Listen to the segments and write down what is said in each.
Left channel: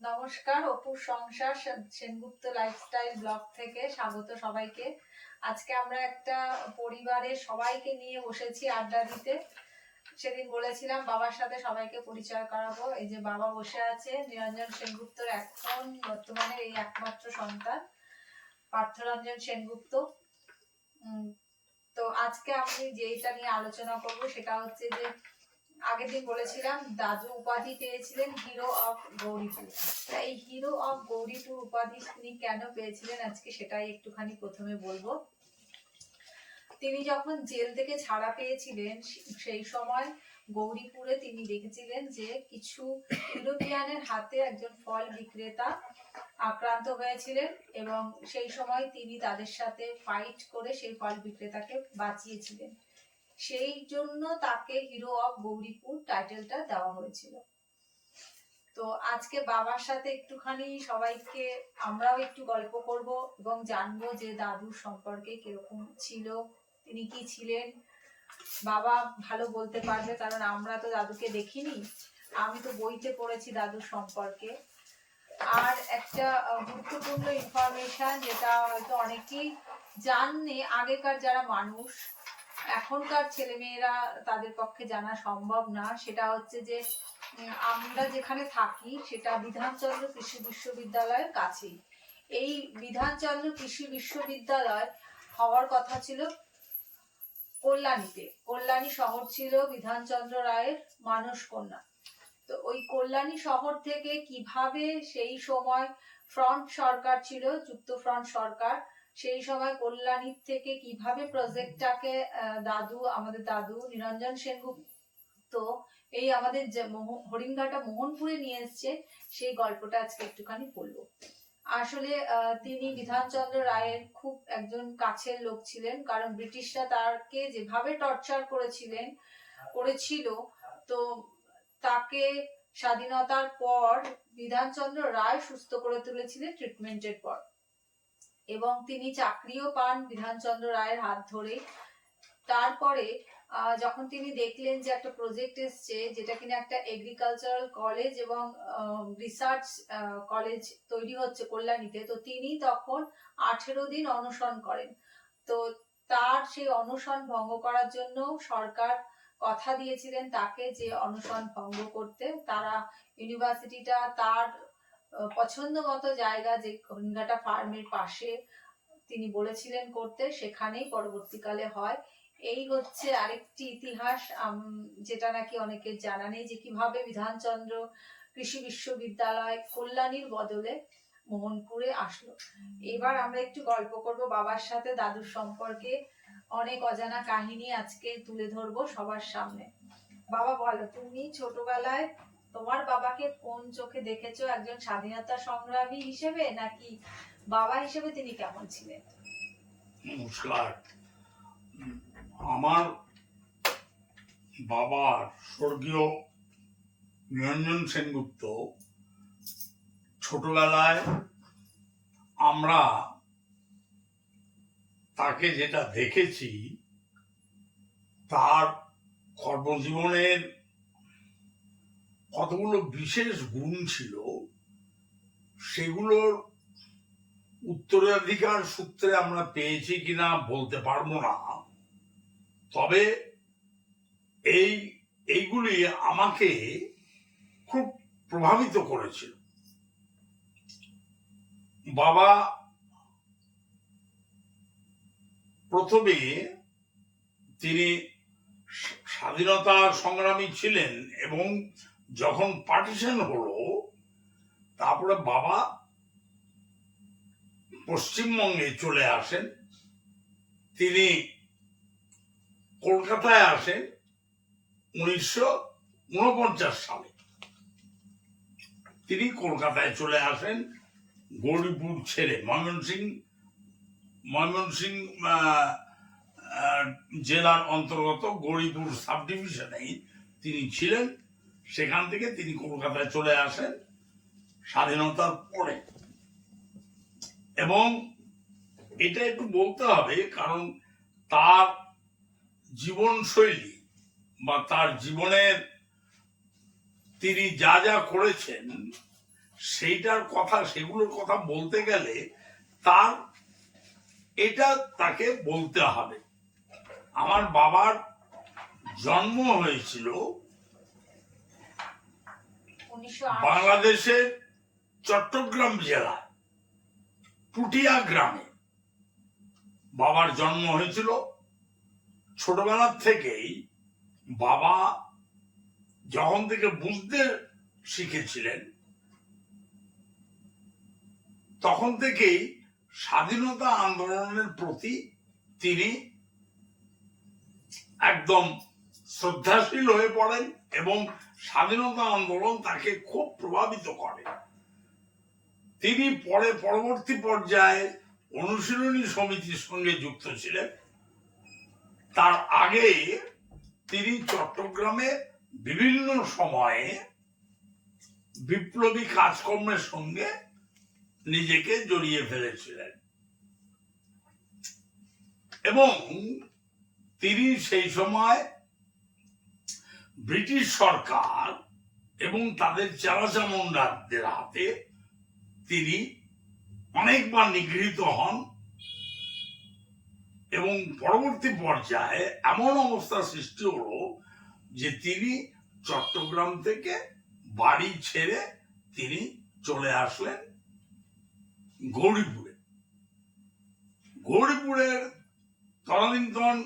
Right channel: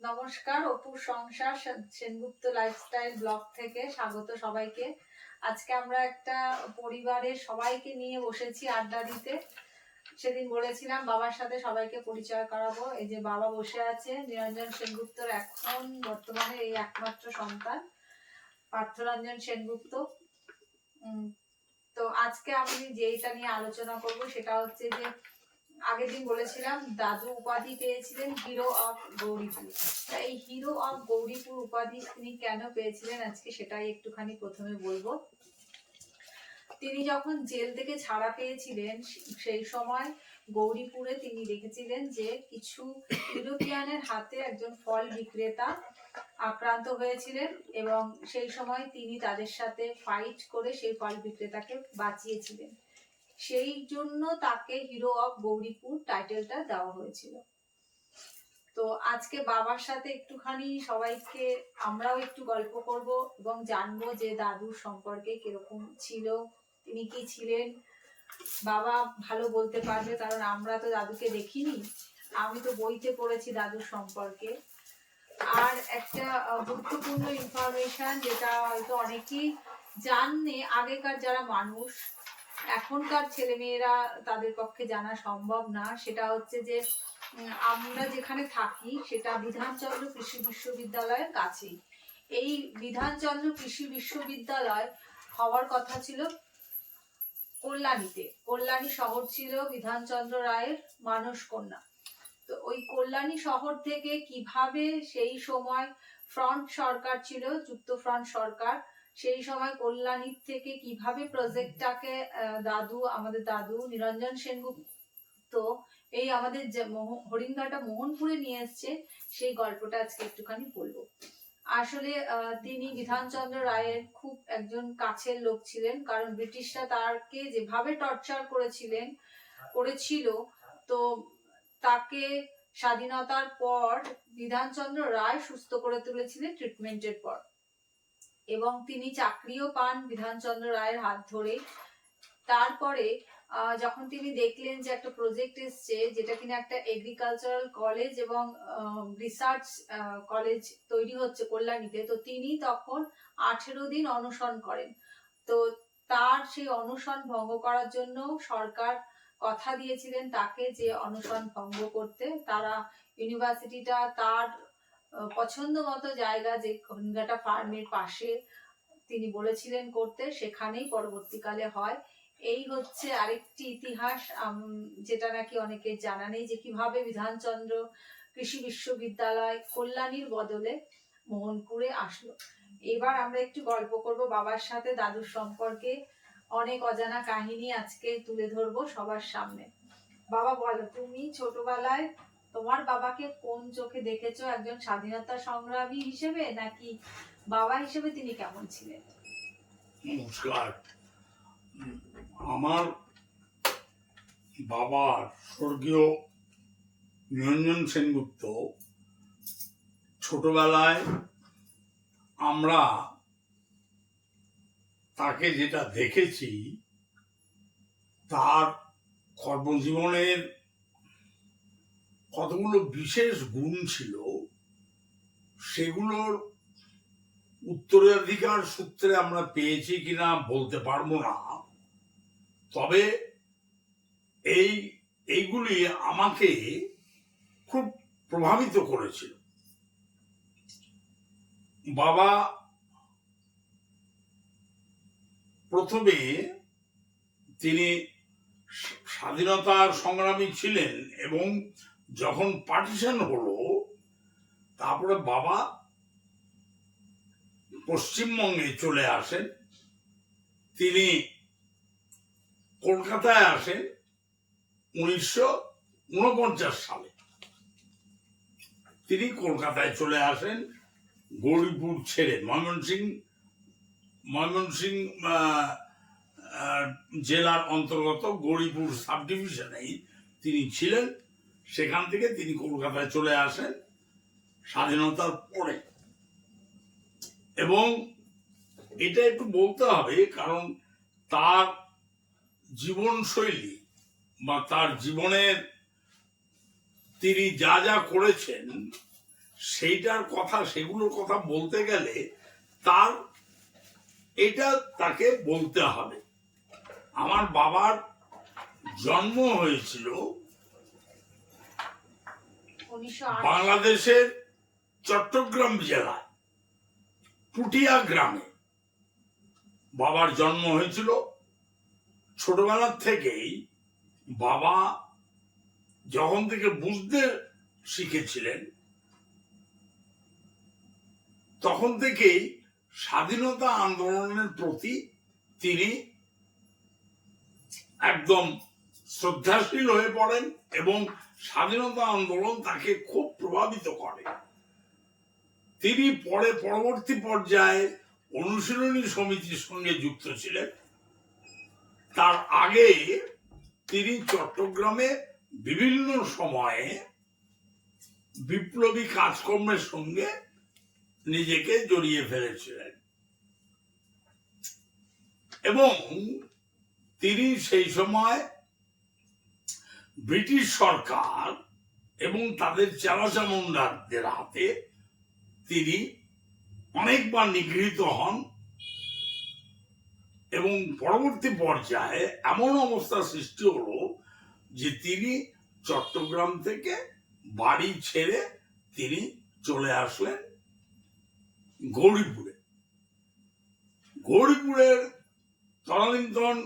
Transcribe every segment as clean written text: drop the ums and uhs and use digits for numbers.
নমস্কার, অপুর সংসার সেনগুপ্ত লাইফস্টাইল ব্লগ থেকে স্বাগত সবাইকে। আজকে আমরা একটা পরিবারের সবাইকে নিয়ে বসেছি আড্ডা দিতে। সেদিন বলেছিলাম বাবার সাথে সবাইকে পরিচয় করাবো। এই যে বাবা বসে আছে, নিরঞ্জন সেনগুপ্তর এখন বর্তমানে এই একমাত্র সন্তান পার্থরঞ্জন সেনগুপ্ত। তো আজকে আমি যেটা নিয়ে আলোচনা করব সেটা হচ্ছে যে আগের দিন বলেছিলাম দাদু উপাধি পেয়েছিলেন হিরো অফ গৌরীপুর। এই হিরো অফ গৌরীপুর উপাধি তিনি কেন পেয়েছিলেন আজকে সেটাই একটুখানি প্রথমে বলবো। তিনি যখন জেল থেকে ছাড়া পেয়েছিলেন সেই সময় গৌরীপুরে তিনি দেখেছিলেন যে কিছু ইউরোপিয়ানের হাতে একজন ফল বিক্রেতা আক্রান্ত হয়েছিলেন এবং সেই সময় তিনি তাদের সাথে ফাইট করে সেই ফল বিক্রেতাকে বাঁচিয়েছিলেন। সেই জন্য তাকে হিরো অফ গৌরীপুর টাইটেলটা দেওয়া হয়েছিল। তো আজকে বাবার সাথে একটুখানি সবাইকে আমরাও একটু গল্প করব এবং জানবো যে দাদুর সম্পর্কে কিরকম ছিল, তিনি কি ছিলেন। বাবা ভালো বলতে পারবে কারণ আমরা তো দাদুকে দেখিনি, আমি তো বইতে পড়েছি দাদুর সম্পর্কে। আর একটা গুরুত্বপূর্ণ ইনফরমেশন যেটা হয়তো অনেকেই জাননি, আগেকার যারা মানুষ, এখনকার ছেলেমেয়েরা তাদের পক্ষে জানা সম্ভব না, সেটা হচ্ছে যে আমরা যেখানে থাকি সেটা বিধানচন্দ্র কৃষি বিশ্ববিদ্যালয়ের কাছেই। এই বিধানচন্দ্র কৃষি বিশ্ববিদ্যালয় হওয়ার কথা ছিল কল্যাণীতে। কল্যাণী শহর ছিল বিধানচন্দ্র রায়ের মানসকন্যা। তো ওই কল্যাণী শহর থেকে কিভাবে সেই সময় ফ্রন্ট সরকার ছিল, যুক্ত ফ্রন্ট সরকার, সেই সময় কল্যাণীর থেকে কিভাবে প্রজেক্টটাকে আমাদের দাদু নিরঞ্জন সেনগুপ্ত এই আমাদের হরিণঘাটা মোহনপুরে নিয়ে এসছে, সেই গল্পটা আজকে একটুখানি বলবো। আসলে তিনি বিধানচন্দ্র রায়ের খুব একজন কাছের লোক ছিলেন, কারণ ব্রিটিশরা তাকে যেভাবে টর্চার করেছিল, তো তাকে স্বাধীনতার পর বিধানচন্দ্র রায় সুস্থ করে তুলেছিলেন ট্রিটমেন্টের পর, এবং তিনি চাকরিও পান বিধানচন্দ্র রায়ের হাত ধরে। তারপরে যখন তিনি দেখলেন যে একটা প্রজেক্ট এসছে যেটা কিনা একটা এগ্রিকালচারাল কলেজ এবং রিসার্চ কলেজ তৈরি হচ্ছে কল্যাণীতে, তো তিনি তখন 18 দিন অনশন করেন। তো তার সেই অনশন ভঙ্গ করার জন্য সরকার কথা দিয়েছিলেন তাকে যে অনশন ভঙ্গ করতে। তারা ইউনিভার্সিটিটা তার পছন্দ মতো জায়গা, যে হরিণঘাটা ফার্মের পাশে তিনি বলেছিলেন করতে, সেখানেই পরবর্তীকালে হয়। এই হচ্ছে আরেকটি ইতিহাস যেটা নাকি অনেকের জানা নেই, যে কিভাবে বিধানচন্দ্র কৃষি বিশ্ববিদ্যালয় কল্যাণীর বদলে মোহনপুরে আসলো। এবার আমরা একটু গল্প করব বাবার সাথে দাদুর সম্পর্কে। অনেক অজানা কাহিনী আজকে তুলে ধরবো সবার সামনে। বাবা বলো, তুমি ছোটবেলায় তোমার বাবাকে কোন চোখে দেখেছো, একজন স্বাধীনতা সংগ্রামী হিসেবে নাকি বাবা হিসেবে তিনি কেমন ছিলেন? নমস্কার। আমার বাবার স্বর্গীয় নিরঞ্জন সেনগুপ্ত ছোটবেলায় আমরা তাকে যেটা দেখেছি, তার কর্মজীবনের কতগুলো বিশেষ গুণ ছিল, সেগুলোর উত্তরাধিকার সূত্রে আমরা পেয়েছি কিনা বলতে পারবো না, তবে এইগুলি আমাকে খুব প্রভাবিত করেছিল। বাবা প্রথমে তিনি স্বাধীনতা সংগ্রামী ছিলেন এবং যখন পার্টিশন হলো তারপরে বাবা পশ্চিমবঙ্গে চলে আসেন। তিনি কলকাতায় আসেন 1949 সালে। তিনি কলকাতায় চলে আসেন, গৌরীপুর ছেড়ে ময়মনসিং জেলার অন্তর্গত গৌরীপুর সাব ডিভিশনেই তিনি ছিলেন। সেখান থেকে তিনি কলকাতায় চলে আসেন স্বাধীনতার পরে। এবং এটা একটু বলতে হবে, কারণ তার জীবনশৈলী বা তার জীবনের তিনি যা যা করেছেন সেগুলোর কথা বলতে গেলে তার এটা তাকে বলতে হবে। আমার বাবার জন্ম হয়েছিল 1908 বাংলাদেশের চট্টগ্রাম জেলায় টুটিয়া গ্রামে বাবার জন্ম হয়েছিল। ছোটবেলার থেকেই বাবা যখন থেকে বুঝতে শিখেছিলেন তখন থেকেই স্বাধীনতা আন্দোলনের প্রতি তিনি একদম শ্রদ্ধাশীল হয়ে পড়েন এবং স্বাধীনতা আন্দোলন তাকে খুব প্রভাবিত করে। তিনি পরবর্তী পর্যায়ে অনুশীলনী সমিতির সঙ্গে যুক্ত ছিলেন। তার আগে তিনি চট্টগ্রামে বিভিন্ন সময়ে বিপ্লবী কাজকর্মের সঙ্গে নিজেকে জড়িয়ে ফেলেছিলেন এবং তিনি সেই সময় ব্রিটিশ সরকার এবং তাদের চালাচামুন্ডাদের হাতে তিনি অনেকবার নিগৃহীত হন এবং পরবর্তী পর্যায়ে এমন অবস্থা সৃষ্টি হলো যে তিনি চট্টগ্রাম থেকে বাড়ি ছেড়ে তিনি চলে আসলেন গৌরীপুরে। তদানীন্তন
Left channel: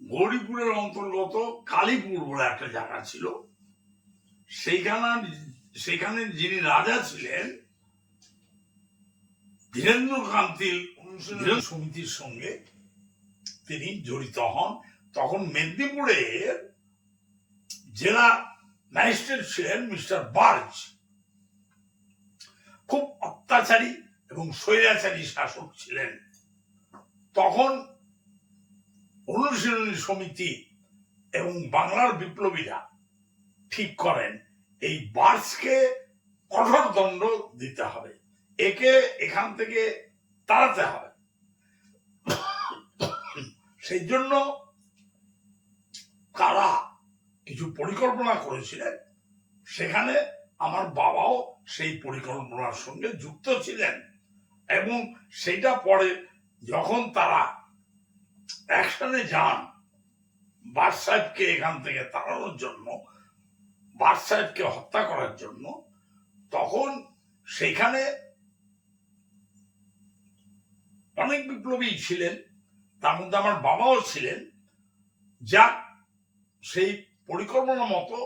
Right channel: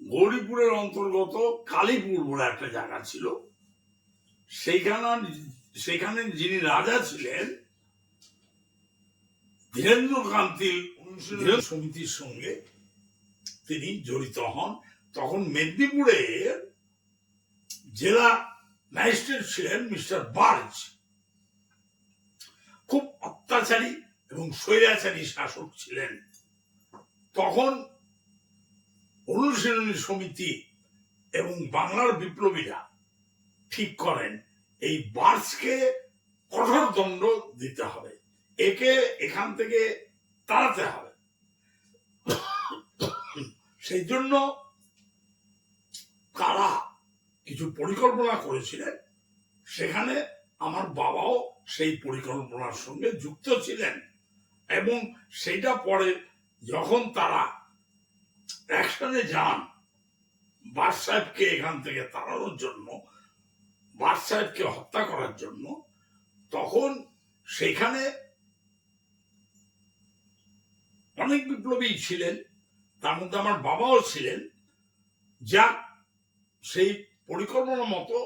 গৌরীপুরের অন্তর্গত কালীপুর বলে একটা জায়গা ছিল। সেখানে যিনি রাজা ছিলেন ধীরেন্দ্রকান্তি সমিতির সঙ্গে তিনি জড়িত হন। তখন মেদিনীপুরের জেলা ম্যাজিস্ট্রেট ছিলেন মিস্টার বার্জ। খুব অত্যাচারী এবং স্বৈরাচারী শাসক ছিলেন। তখন অনুশীলনী সমিতি এবং বাংলার বিপ্লবীরা ঠিক করেন এই বার্জকে কঠোর দণ্ড দিতে হবে, একে এখান থেকে তাড়াতে হবে। সেই জন্য তারা কিছু পরিকল্পনা করেছিলেন। সেখানে আমার বাবাও সেই পরিকল্পনার সঙ্গে যুক্ত ছিলেন এবং সেটা পরে যখন তারা অ্যাকশনে যান বার্জ সাহেবকে এখান থেকে তাড়ানোর জন্য, বার্জ সাহেবকে হত্যা করার জন্য, তখন সেখানে অনেক বিপ্লবী ছিলেন, তার মধ্যে আমার বাবাও ছিলেন। যা সেই পরিকল্পনা মতো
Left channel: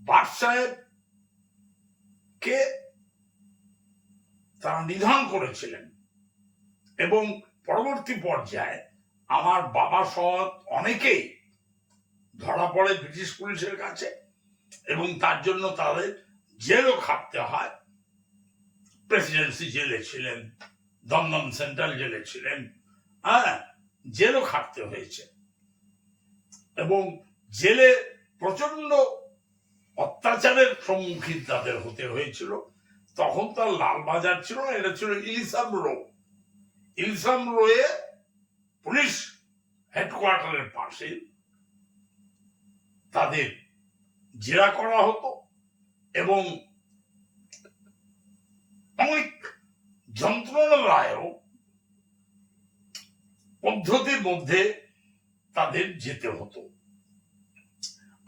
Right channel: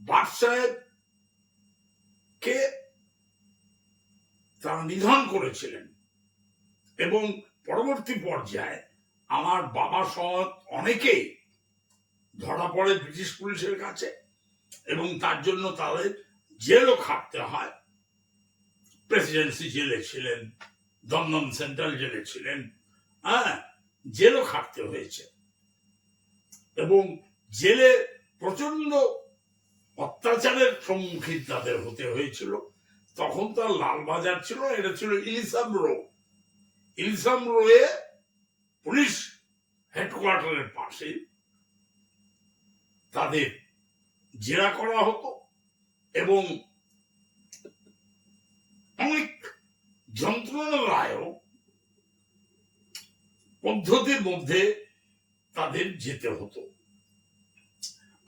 বার্জ সাহেবকে তারা নিধন করেছিলেন এবং পরবর্তী পর্যায়ে আমার বাবা সহ অনেকেই ধরা পড়ে ব্রিটিশ পুলিশের কাছে এবং তার জন্য তাদের জেলও খাটতে হয়। প্রেসিডেন্সি জেলে ছিলেন, দমদম সেন্ট্রাল জেলে ছিলেন, জেলও খাটতে হয়েছে এবং জেলে প্রচন্ড অত্যাচারের সম্মুখীন তাদের হতে হয়েছিল। তখন তার লালবাজার ছিল, এটা ছিল ইলসাম রোয়ে পুলিশ হেডকোয়ার্টারের পাশে তাদের জেরা করা হতো এবং অনেক যন্ত্রণাদায়ক পদ্ধতির মধ্যে তাদের যেতে হতো।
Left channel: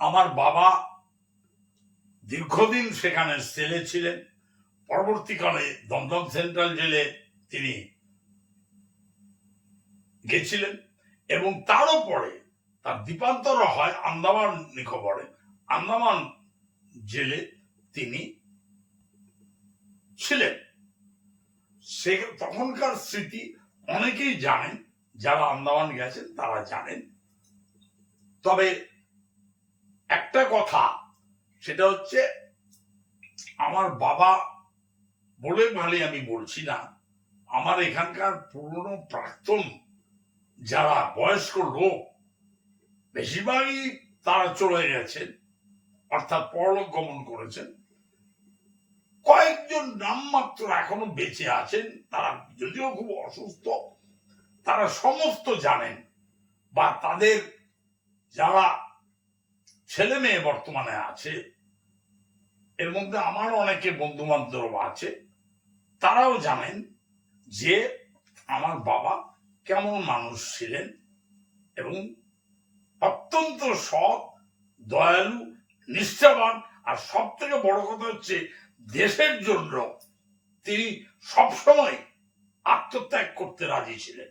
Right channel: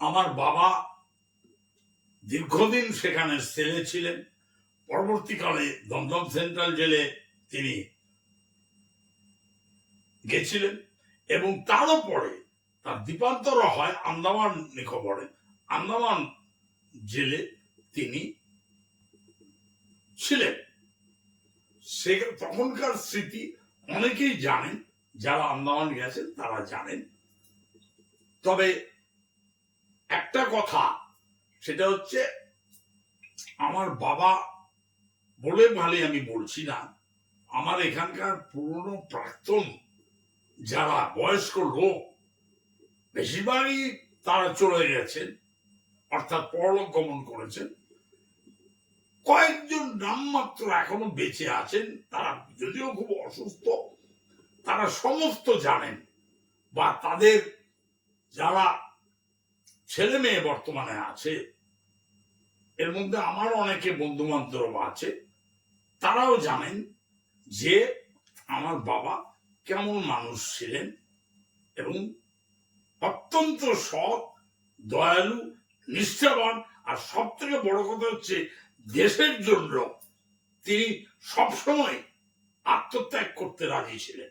আমার বাবা দীর্ঘদিন সেখানে সেলে ছিলেন। পরবর্তীকালে দমদম সেন্ট্রাল জেলে তিনি গেছিলেন এবং তারও পরে তার দ্বীপান্তর হয় আন্দামান নিকোবরে। আন্দামান জেলে তিনি ছিলেন। সে তখনকার স্মৃতি অনেকেই জানেন, যারা আন্দামান গেছেন তারা জানেন। তবে একটা কথা, সেটা হচ্ছে আমার বাবা বলে ভালো আমি বলছি না, আমার এখানকার পুরনো প্রাক্তন যারা বয়স্ক লোক বেশিরভাগই তারা চলে গেছেন, অর্থাৎ পরলোক গমন করেছেন। কয়েকজন নামমাত্র এখনো বেঁচে আছেন, তারা যদিও খুব অসুস্থ, তারা সমস্ত জানেন বা তাদের যারা ছেলে মেয়ে বর্তমানে আছে এর মধ্যে আমার অনেকে বন্ধু বান্ধব আছে, তারাও জানেন যে আমার বাবা কেমন মানুষ ছিলেন এবং অত্যন্ত সৎ, দয়ালু, নিষ্ঠাবান, আর সব থেকে বড় কথা হচ্ছে দেশের জন্য তিনি সবসময় আত্মত্যাগ করতে রাজি ছিলেন।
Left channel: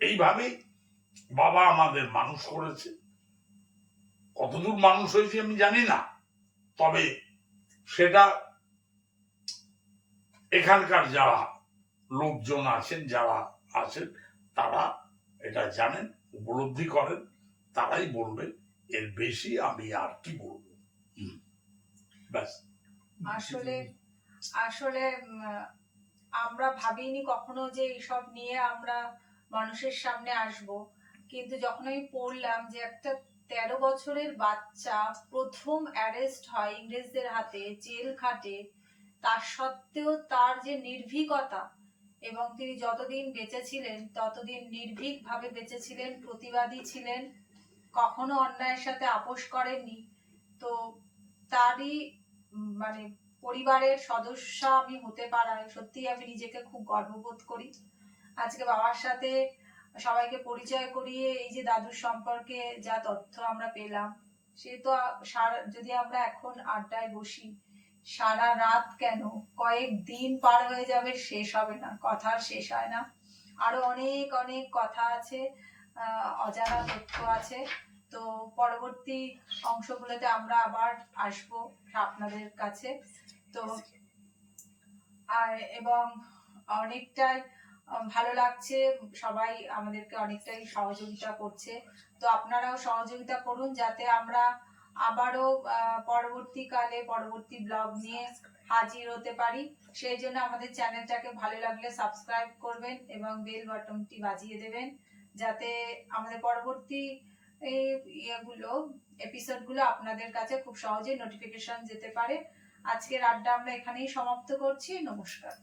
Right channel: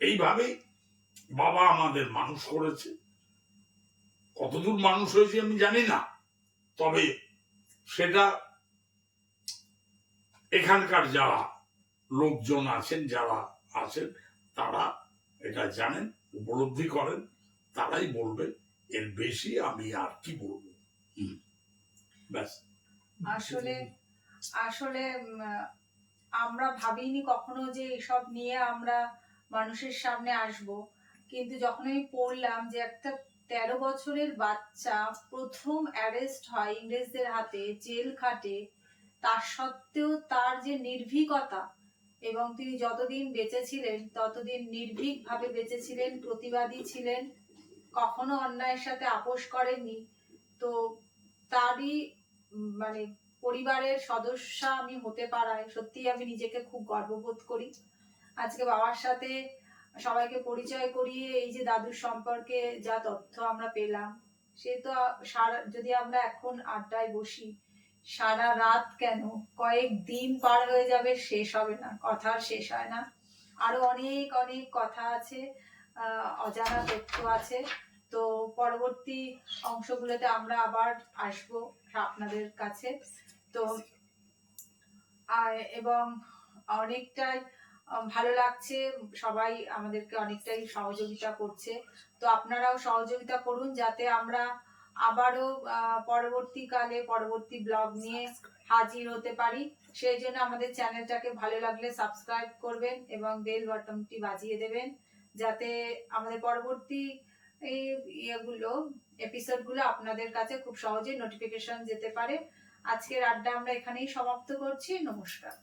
এইভাবেই বাবা আমাদের মানুষ করেছে। কতদূর মানুষ হয়েছে আমি জানি না, তবে সেটা এখানকার যারা লোকজন আছেন, যারা আছেন, তারা এটা জানেন, উপলব্ধি করেন, তারাই বলবে। এর বেশি আমি আর কি বলবো। ব্যাস। আসলে আসলে আমরা ভাবিনি কখনো যে এসব নিয়ে আমরা মানুষের সামনে আসব, কিন্তু যখন আমি পড়লাম যে একটা 13 বছরের বাচ্চা প্রথম অ্যারেস্ট হয় ইংরেজদের হাতে, জেল খাটে, তার সত্ত্বেও তার যে নির্ভীকতা, এবং তিনি যতদিন বেঁচে ছিলেন ততদিন নির্ভীক ভাবে বেঁচে ছিলেন, প্রতিবাদী ছিলেন, কখনো অন্যায়ের সাথে আপোষ করেননি। তো তারই মানে পরিবারের সদস্য আমি হতে পারায় সত্যি আমি নিজেকে খুব গর্ববোধ করি। আজকে বাবার সাথে সবাইকে পরিচয় করিয়ে এই যে দাদুর সম্পর্কে যা তথ্য আমরা পেলাম, সে তো যদি আমরা এখন আড্ডায় বসি সারা রাত কেন, কয়েক দিন পার হয়ে যাবে, শেষ হবে না, কথা শেষ হয় না। আরো অনেক অনেক কথা আছে, অজানা তথ্য আছে। তো পরবর্তী অংশগুলোতে আমরা আবার আসবো আপনাদের কাছে। তো এবং অনেকটাই ভালো লাগছে, সবাই আমাদেরকে অনেকটাই সহযোগিতা করছে। তো আপনারাও সহযোগিতা করুন যাতে আমরা আবারও পরবর্তীকালে পরবর্তী ব্লগ নিয়ে হাজির হতে পারি। সেই জন্য আমাদের চ্যানেলটাকে ভালো লাগলে সাবস্ক্রাইব করবেন এবং বেল বাটনটি বাজিয়ে দেবেন, যাতে আমাদের পরবর্তী এপিসোডগুলো আপনাদের কাছে খুব সহজে নোটিফিকেশন যেতে পারে। আজকের আড্ডা আমরা এখানেই সমাপ্ত করছি। নমস্কার।